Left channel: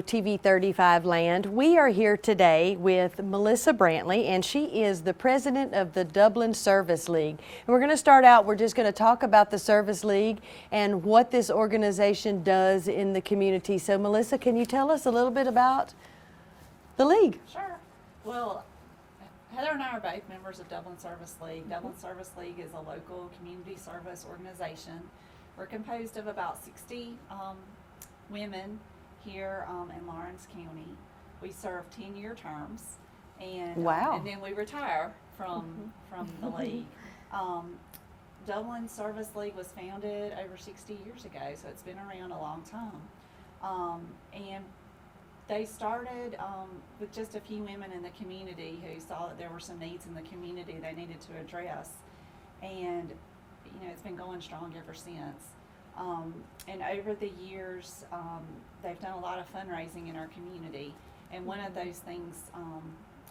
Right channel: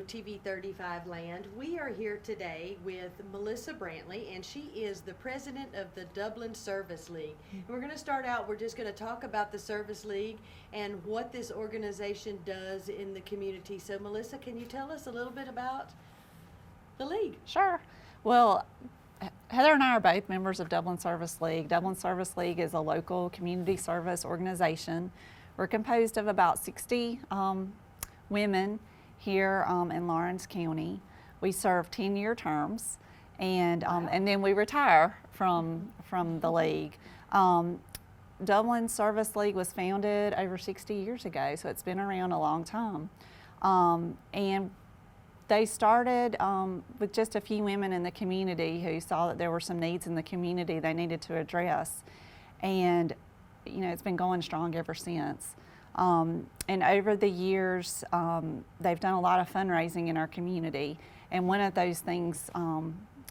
Radio TV35 land. We are here today with Melissa Brantley, and she is the president of the Dublin Service League. And we're going to start out, we're just going to talk about the Service League and what this organization does in the community. So Melissa, can you tell us a little bit about the league? Sure. Well, Heather and I are both members of Dublin Service League. Dublin Service League is a local community service organization. We're composed of about 60 women here in Lawrence County. We serve 10-year terms, and Wow. And then we retire from the league. Dublin Service League was founded over 60 years ago, so it's been around a long time. And they started with just a few women in the community who saw that there were some needs in the community they needed to address. And you know, it's been going strong ever since. And over the years, they've done a lot of fundraising in our community. And one of those things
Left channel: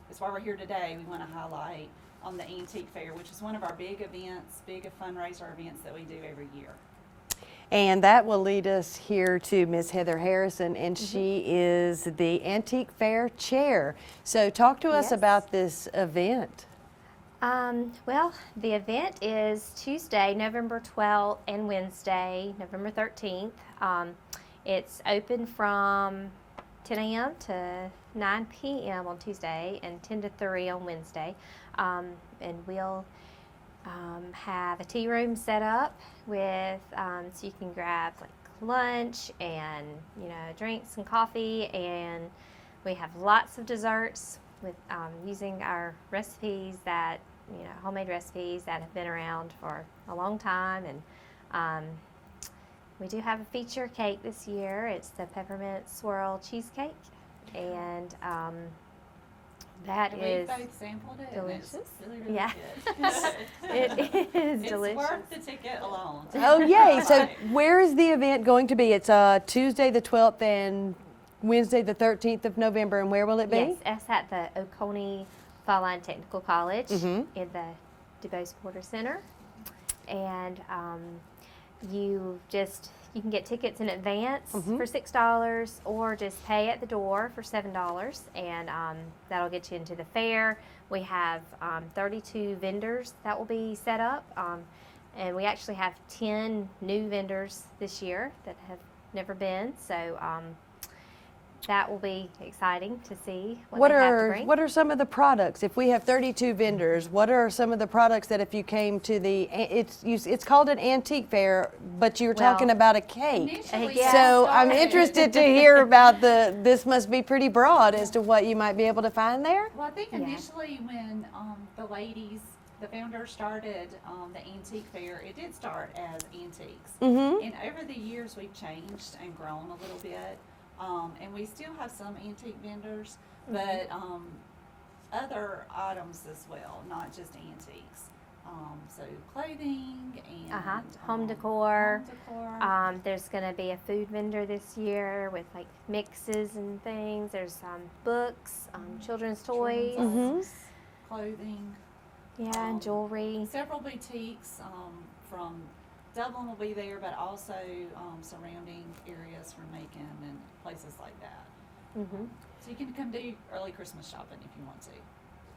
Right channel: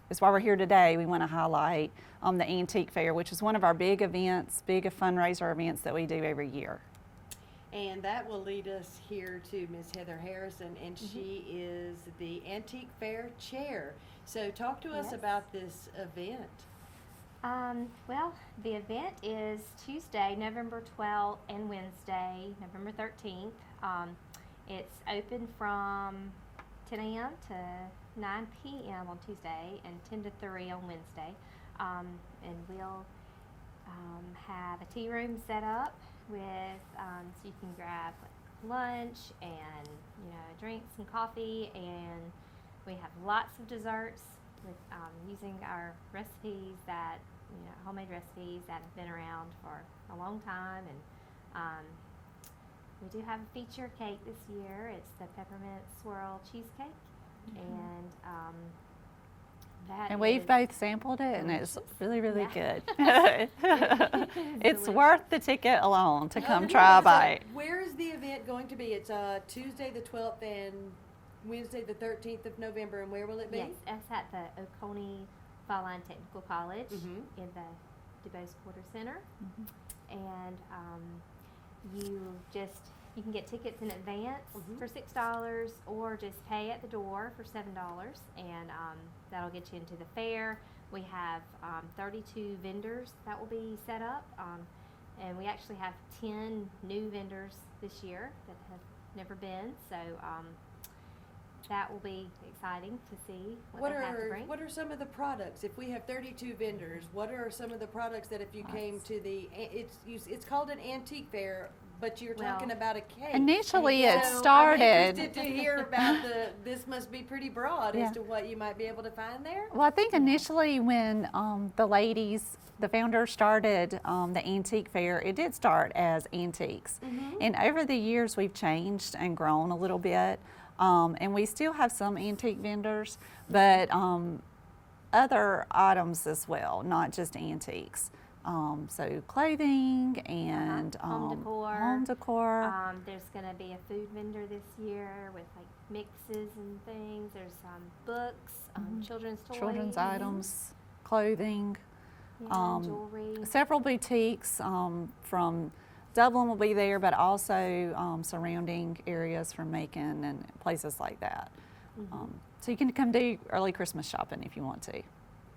is why we're here today. We want to highlight the Antique Fair, which is one of our big events, big fundraiser events that we do every year. And that will lead us here to Ms. Heather Harrison, and she is the Antique Fair Chair. So talk to us Yes. about this event. Well, the event is Tuesday, November 12th, and Wednesday, November 13th. It's open from 10 a.m. to 9 p.m. on Tuesday and 10 to 3 on Wednesday. And we'll have a tea room set up with, so you can grab like lunch and, you know, drinks and coffee, and we have lots of desserts with using our recipes that, you know, homemade recipes that have been around for a long time. And we do have a feature cake this year. It's the peppermint swirl cheesecake, and And we've both sampled it, delicious. and it's really, really Yeah. good. it is It's delicious. worth the ticket alone to Oh, come yeah. try So it. where is the event going to be? It's Tuesday the 12th and Wednesday the 13th of November. And where will it be? Yes, that's at the Oconee Fall Line Technical College Mhm. in the DuBose Porter Center. And you can get tickets in advance for $6, or just pay at the door for $7, and that'll get you into the fair. We have 32 vendors that will be set up, and we actually have 10 new vendors this year that have never been, so that will be exciting to see what they have to bring. What are some of the products? If we have 32 vendors, what are some of the products that if you came to it's called an antique fair, but you were talking Well, about a cake. Initially, Yeah. it So I'm started- interested to hear about this must be pretty broad as to what you might be able to find there. Well, I think initially when the founders started the antique fair, it did start as antiques. And over the years, we've changed and grown a little bit. And we still have some antique vendors, but other items as well, not just antiques. So clothing and Home decor. Home decor. There's going to be a food vendor this year with like mixes and things. There's books, children's toys, children's items, clothing. yeah, and jewelry. Several boutiques from Dublin will be there, but also surrounding areas from Macon and places like that. So you can come do early Christmas shopping if you want to.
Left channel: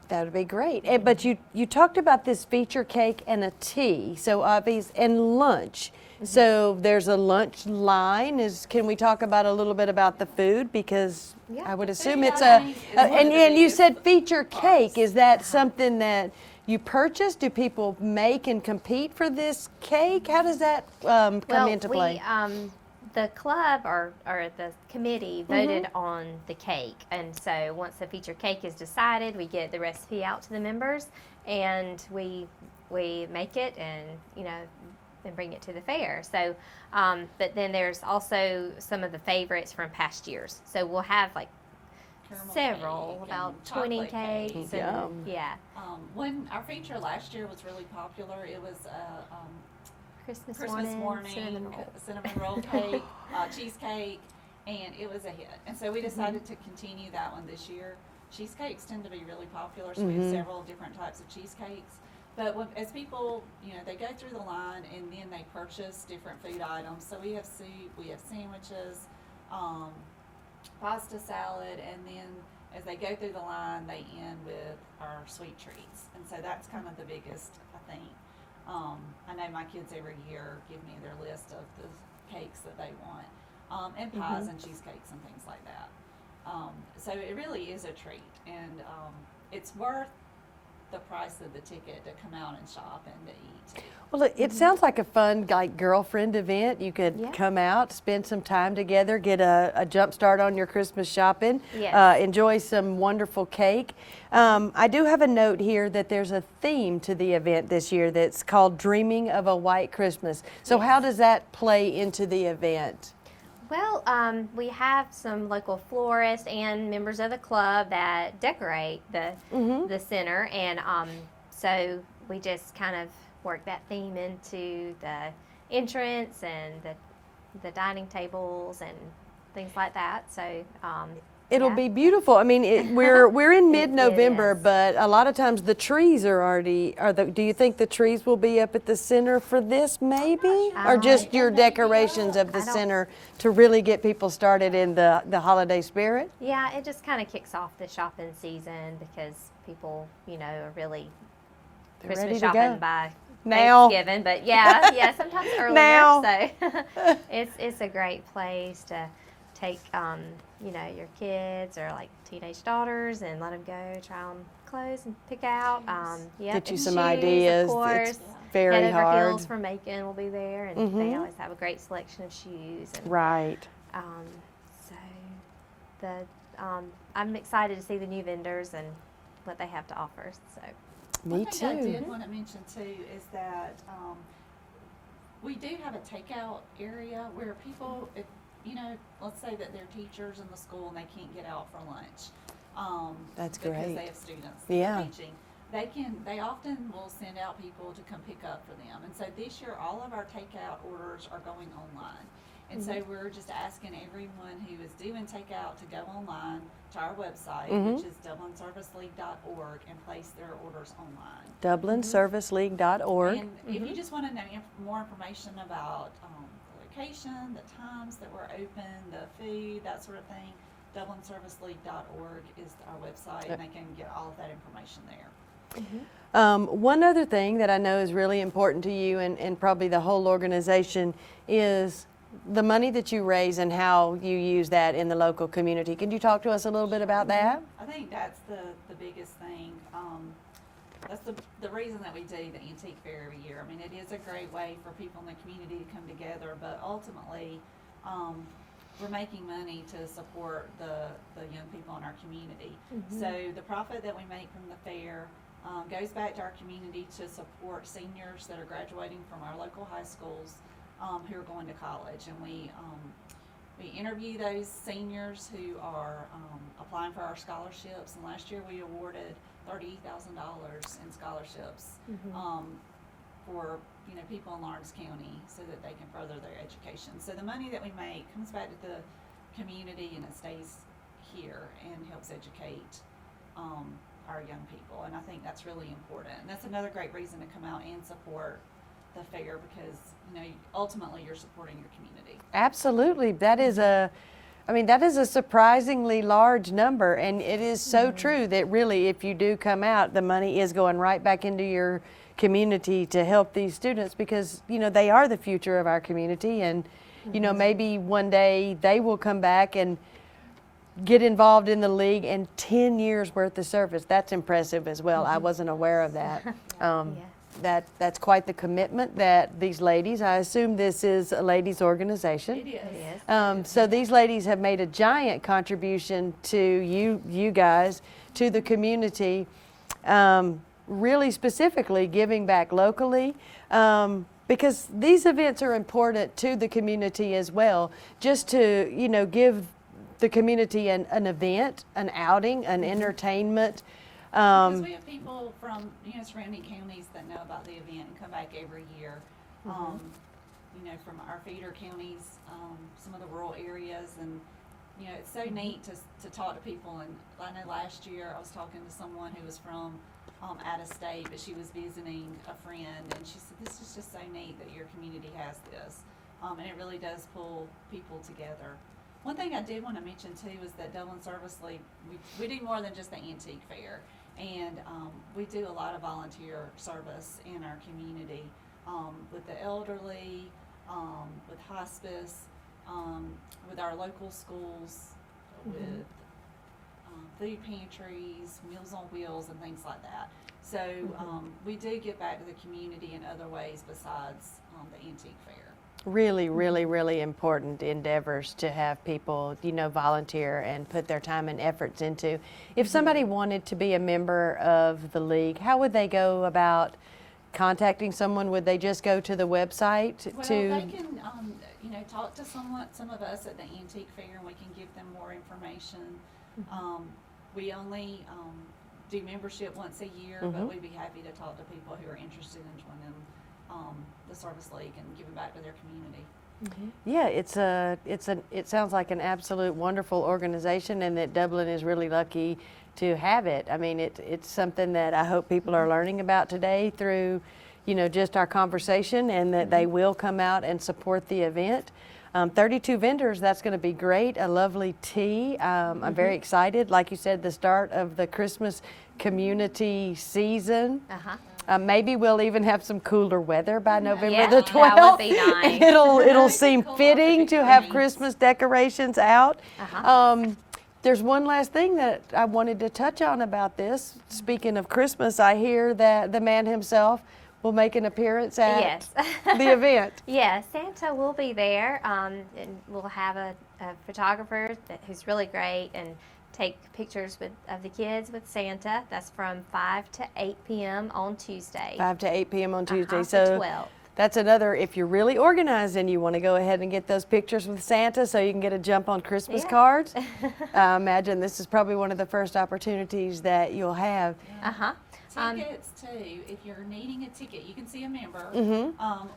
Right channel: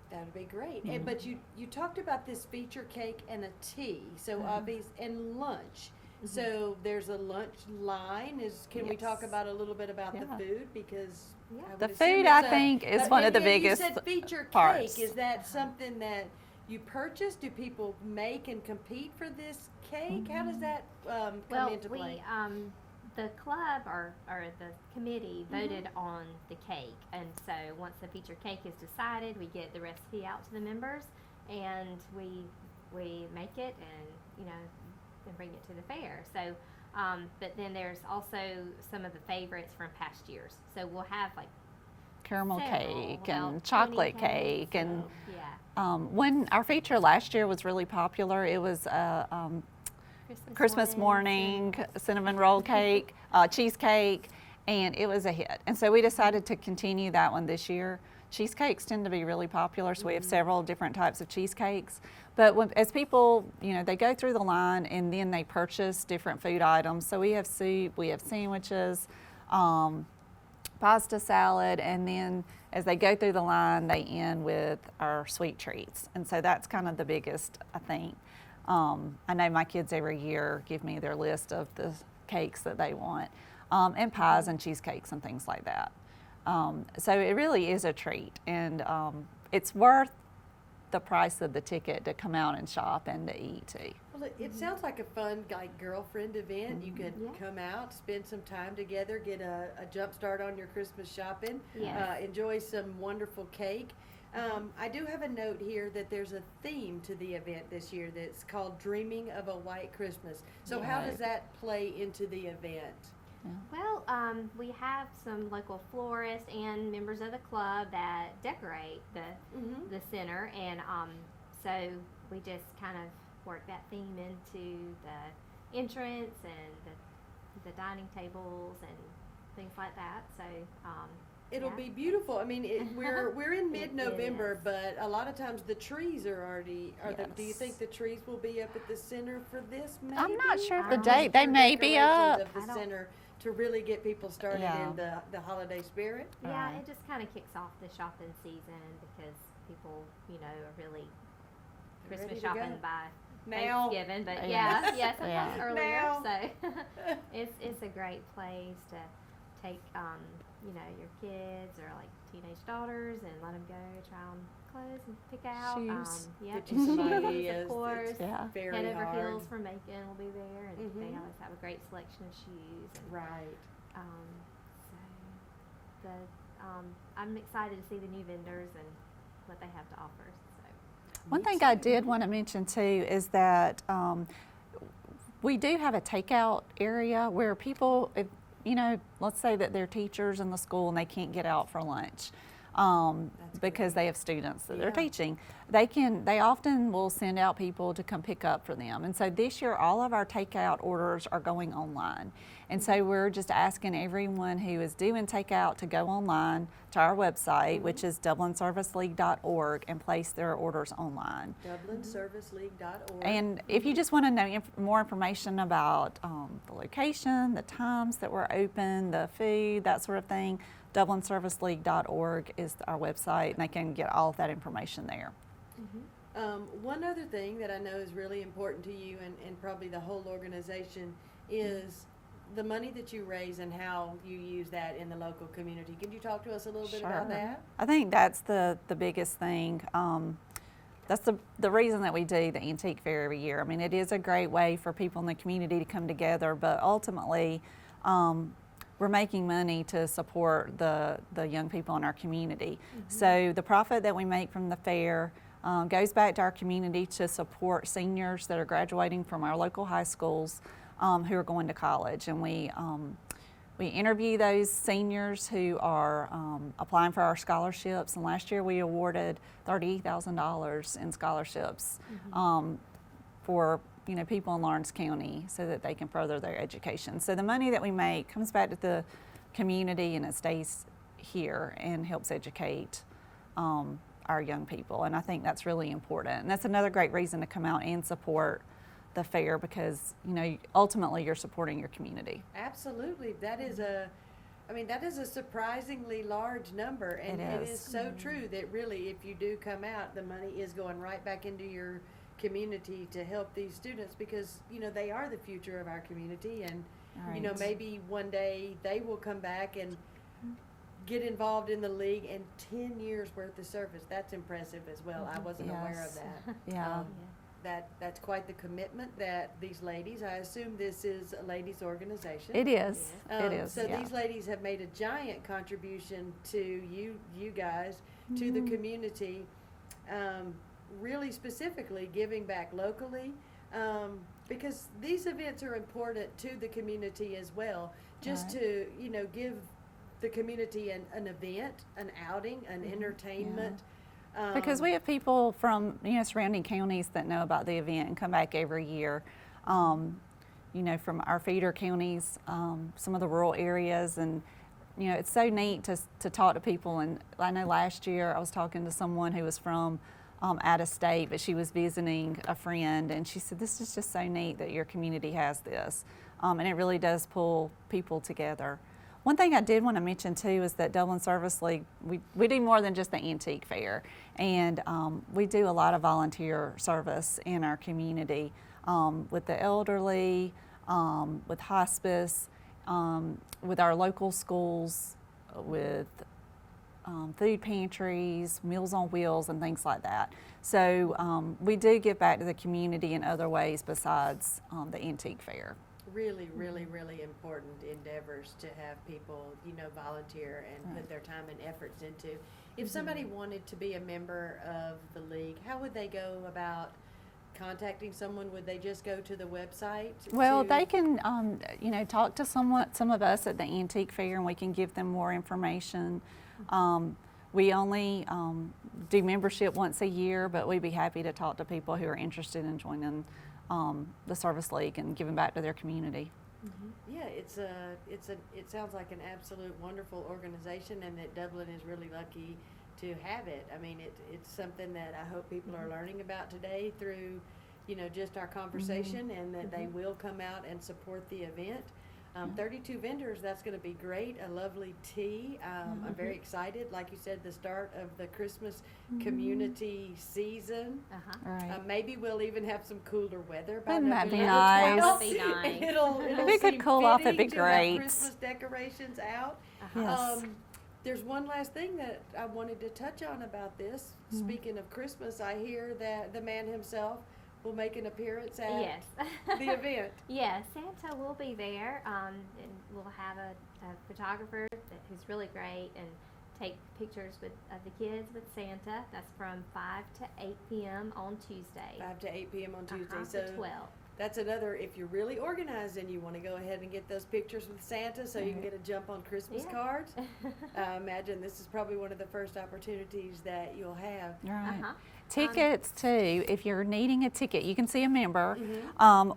That would be great. But you talked about this feature cake and a tea, so and lunch. So there's a lunch line. Can we talk about a little bit about the food, because Yeah. I would The assume food, it's I think, is one of the and you biggest said feature parts. cake. Is that something that you purchase? Do people make and compete for this cake? How does that come into play? The club or the committee voted on the cake, and so once the feature cake is decided, we get the recipe out to the members, and we make it, and and bring it to the fair. So, but then there's also some of the favorites from past years. So we'll have like Caramel several, cake about and 20 chocolate cakes cake. And, yeah, when our feature last year was really popular, it was Christmas morning cinnamon roll cake, cheesecake, and it was a hit. And so we decided to continue that one this year. Cheesecakes tend to be really popular, so we have several different types of cheesecakes. But as people, they go through the line and then they purchase different food items. So we have soup, we have sandwiches, pasta salad, and then as they go through the line, they end with our sweet treats. And so that's kind of the biggest, I think. I know my kids every year give me their list of the cakes that they want, and pies and cheesecakes and things like that. So it really is a treat, and it's worth the price of the ticket to come out and shop and to eat too. Well, it sounds like a fun, like, girlfriend event. You could Yeah. come out, spend some time together, get a jump start on your Christmas shopping, Yes. enjoy some wonderful cake. I do have a note here that there's a theme to the event this year that's called Dreaming of a White Christmas. So how does that play into the event? Well, we have some local florists and members of the club that decorate the center, and so we just kind of work that theme into the entrance and the dining tables and things like that. So It'll yeah. be beautiful. I mean, we're in It mid-November, is. but a lot of times the trees are already. Do you think the trees will be up at the center for this, maybe, sure. or just They your may be decorations up. of the I don't- center to really get people started Yeah. in the holiday spirit? Yeah, it just kind of kicks off the shopping season because people, are really They're Christmas ready to shopping go. by Now. Thanksgiving. But yeah, sometimes earlier. Now. So it's a great place to take, your kids or like teenage daughters and let them go try on clothes and pick out. Shoes. Get you and some shoes, ideas. Of course. It's very Head Over hard. Heels from Macon will be there, and Mhm. they always have a great selection of shoes. And, Right. So I'm excited to see the new vendors and what they have to offer. So One Me thing I too. did want to mention too is that we do have a takeout area where people, if, let's say that they're teachers in the school and they can't get out for lunch That's because great. they have students that Yeah. they're teaching. They often will send out people to come pick up for them. And so this year, all of our takeout orders are going online. And so we're just asking everyone who is doing takeout to go online to our website, which is dublinserviceleague.org, and place their orders online. DublinServiceLeague.org. And if you just want to know more information about the location, the times that we're open, the food, that sort of thing, DublinServiceLeague.org is our website, and they can get all of that information there. One other thing that I know is really important to you and probably the whole organization is the money that you raise and how you use that in the local community. Can you talk to us a little bit about that? I think that's the biggest thing. That's the reason that we do the antique fair every year. I mean, it is a great way for people in the community to come together, but ultimately, we're making money to support the young people in our community. So the profit that we make from the fair goes back to our community to support seniors that are graduating from our local high schools who are going to college. And we interview those seniors who are applying for our scholarships. And last year we awarded $30,000 in scholarships for people in Lawrence County so that they can further their education. So the money that we make comes back to the community and it stays here and helps educate our young people. And I think that's really important. And that's another great reason to come out and support the fair because, ultimately you're supporting your community. Absolutely. That is a surprisingly large number, and it is so true that really if you do come out, the money is going right back into your community to help these students because, they are the future of our community, and, maybe one day they will come back and get involved in the league and 10 years worth of service. That's impressive as well. I wasn't aware of that. Yeah. That's quite the commitment that these ladies, I assume this is a ladies' organization. It is. It It is, So yeah. these ladies have made a giant contribution to you guys, to the community, really specifically giving back locally, because these events are important to the community as well, just to, give the community an event, an outing, an entertainment. Because we have people from surrounding counties that know about the event and come back every year. From our feeder counties, some of the rural areas, and it's so neat to talk to people. And I know last year I was talking to someone who was from out of state, but she was visiting a friend, and she said, "This is just so neat that your community has this," and it really does pull people together. One thing I did want to mention too is that Dublin Service League, we do more than just the antique fair, and we do a lot of volunteer service in our community with the elderly, with hospice, with our local schools, with food pantries, Meals on Wheels, and things like that. So we do give back to the community in other ways besides the antique fair. Really, really, really important endeavors to have people, volunteer and put their time and efforts into. If somebody wanted to be a member of the league, how would they go about contacting someone? Would they just go to the website? Well, they can, talk to some of us at the antique fair, and we can give them more information. We only do membership once a year, but we'd be happy to talk to people who are interested in joining the Service League and giving back to their community. Yeah, it sounds like an absolute wonderful organization, and that Dublin is really lucky to have it. I mean, it's something that I hope people are learning about today through, just our conversation, and that they will come out and support the event. 32 vendors, that's going to be great. A lovely tea. I'm very excited. Like you said, the start of the Christmas community season. Maybe we'll even have some cooler weather by November the 12th. That would be nice. It'll It seem could cool off, it'd fitting be to have great. Christmas decorations out. There's one last thing that I wanted to touch on about this. Speaking of Christmas, I hear that the man himself will make an appearance at Yes. the event. Yeah, Santa will be there, and we'll have a photographer who's really great and take pictures of the kids with Santa. That's from 5 to 8 p.m. on Tuesday. 5 to 8 p.m. on Tuesday. The So 12th. that's another, if you're really organized and you want to go ahead and get those pictures with Santa so you can get a jump on Christmas Yeah. cards, I imagine this is probably one of the first opportunities that you'll have. Tickets too. If you're needing a ticket, you can see a member,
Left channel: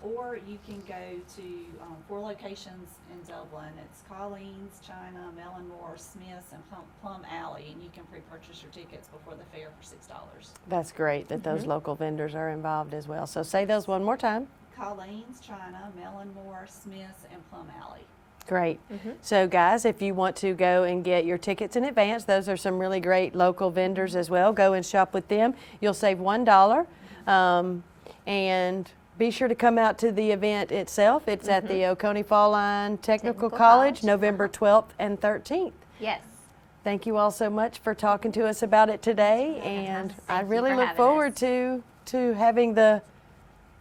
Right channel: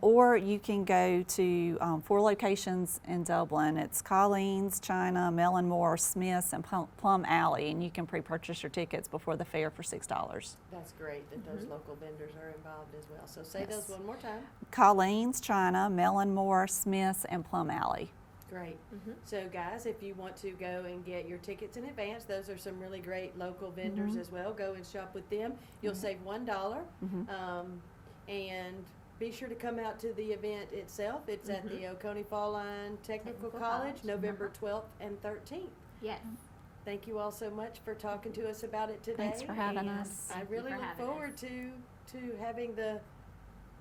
or you can go to 4 locations in Dublin. It's Colleen's, China, Mellon-Moore, Smith's, and Plum Alley, and you can pre-purchase your tickets before the fair for $6. That's great that those local vendors are involved as well. So say those one more time. Colleen's, China, Mellon-Moore, Smith's, and Plum Alley. Great. So guys, if you want to go and get your tickets in advance, those are some really great local vendors as well. Go and shop with them. You'll save $1. And be sure to come out to the event itself. It's at the Oconee Fall Line Technical College, November 12th and 13th. Yes. Thank you all so much for talking to us about it today. for having And us. I Thank you really for look having forward us. to having the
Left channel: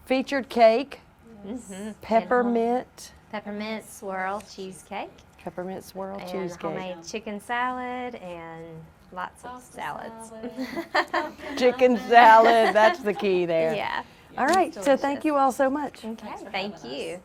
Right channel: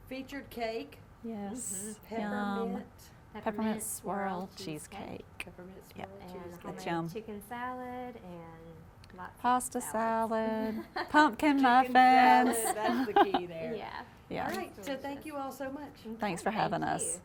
featured cake, Yes. peppermint, Peppermint swirl cheesecake. peppermint swirl And cheesecake. homemade Yum. chicken salad and lots Pasta of salads. salad, pumpkin Chicken muffins. salad, that's the key there. Yeah. All right, so thank Delicious. you all so much. Thanks for Thank having us. you.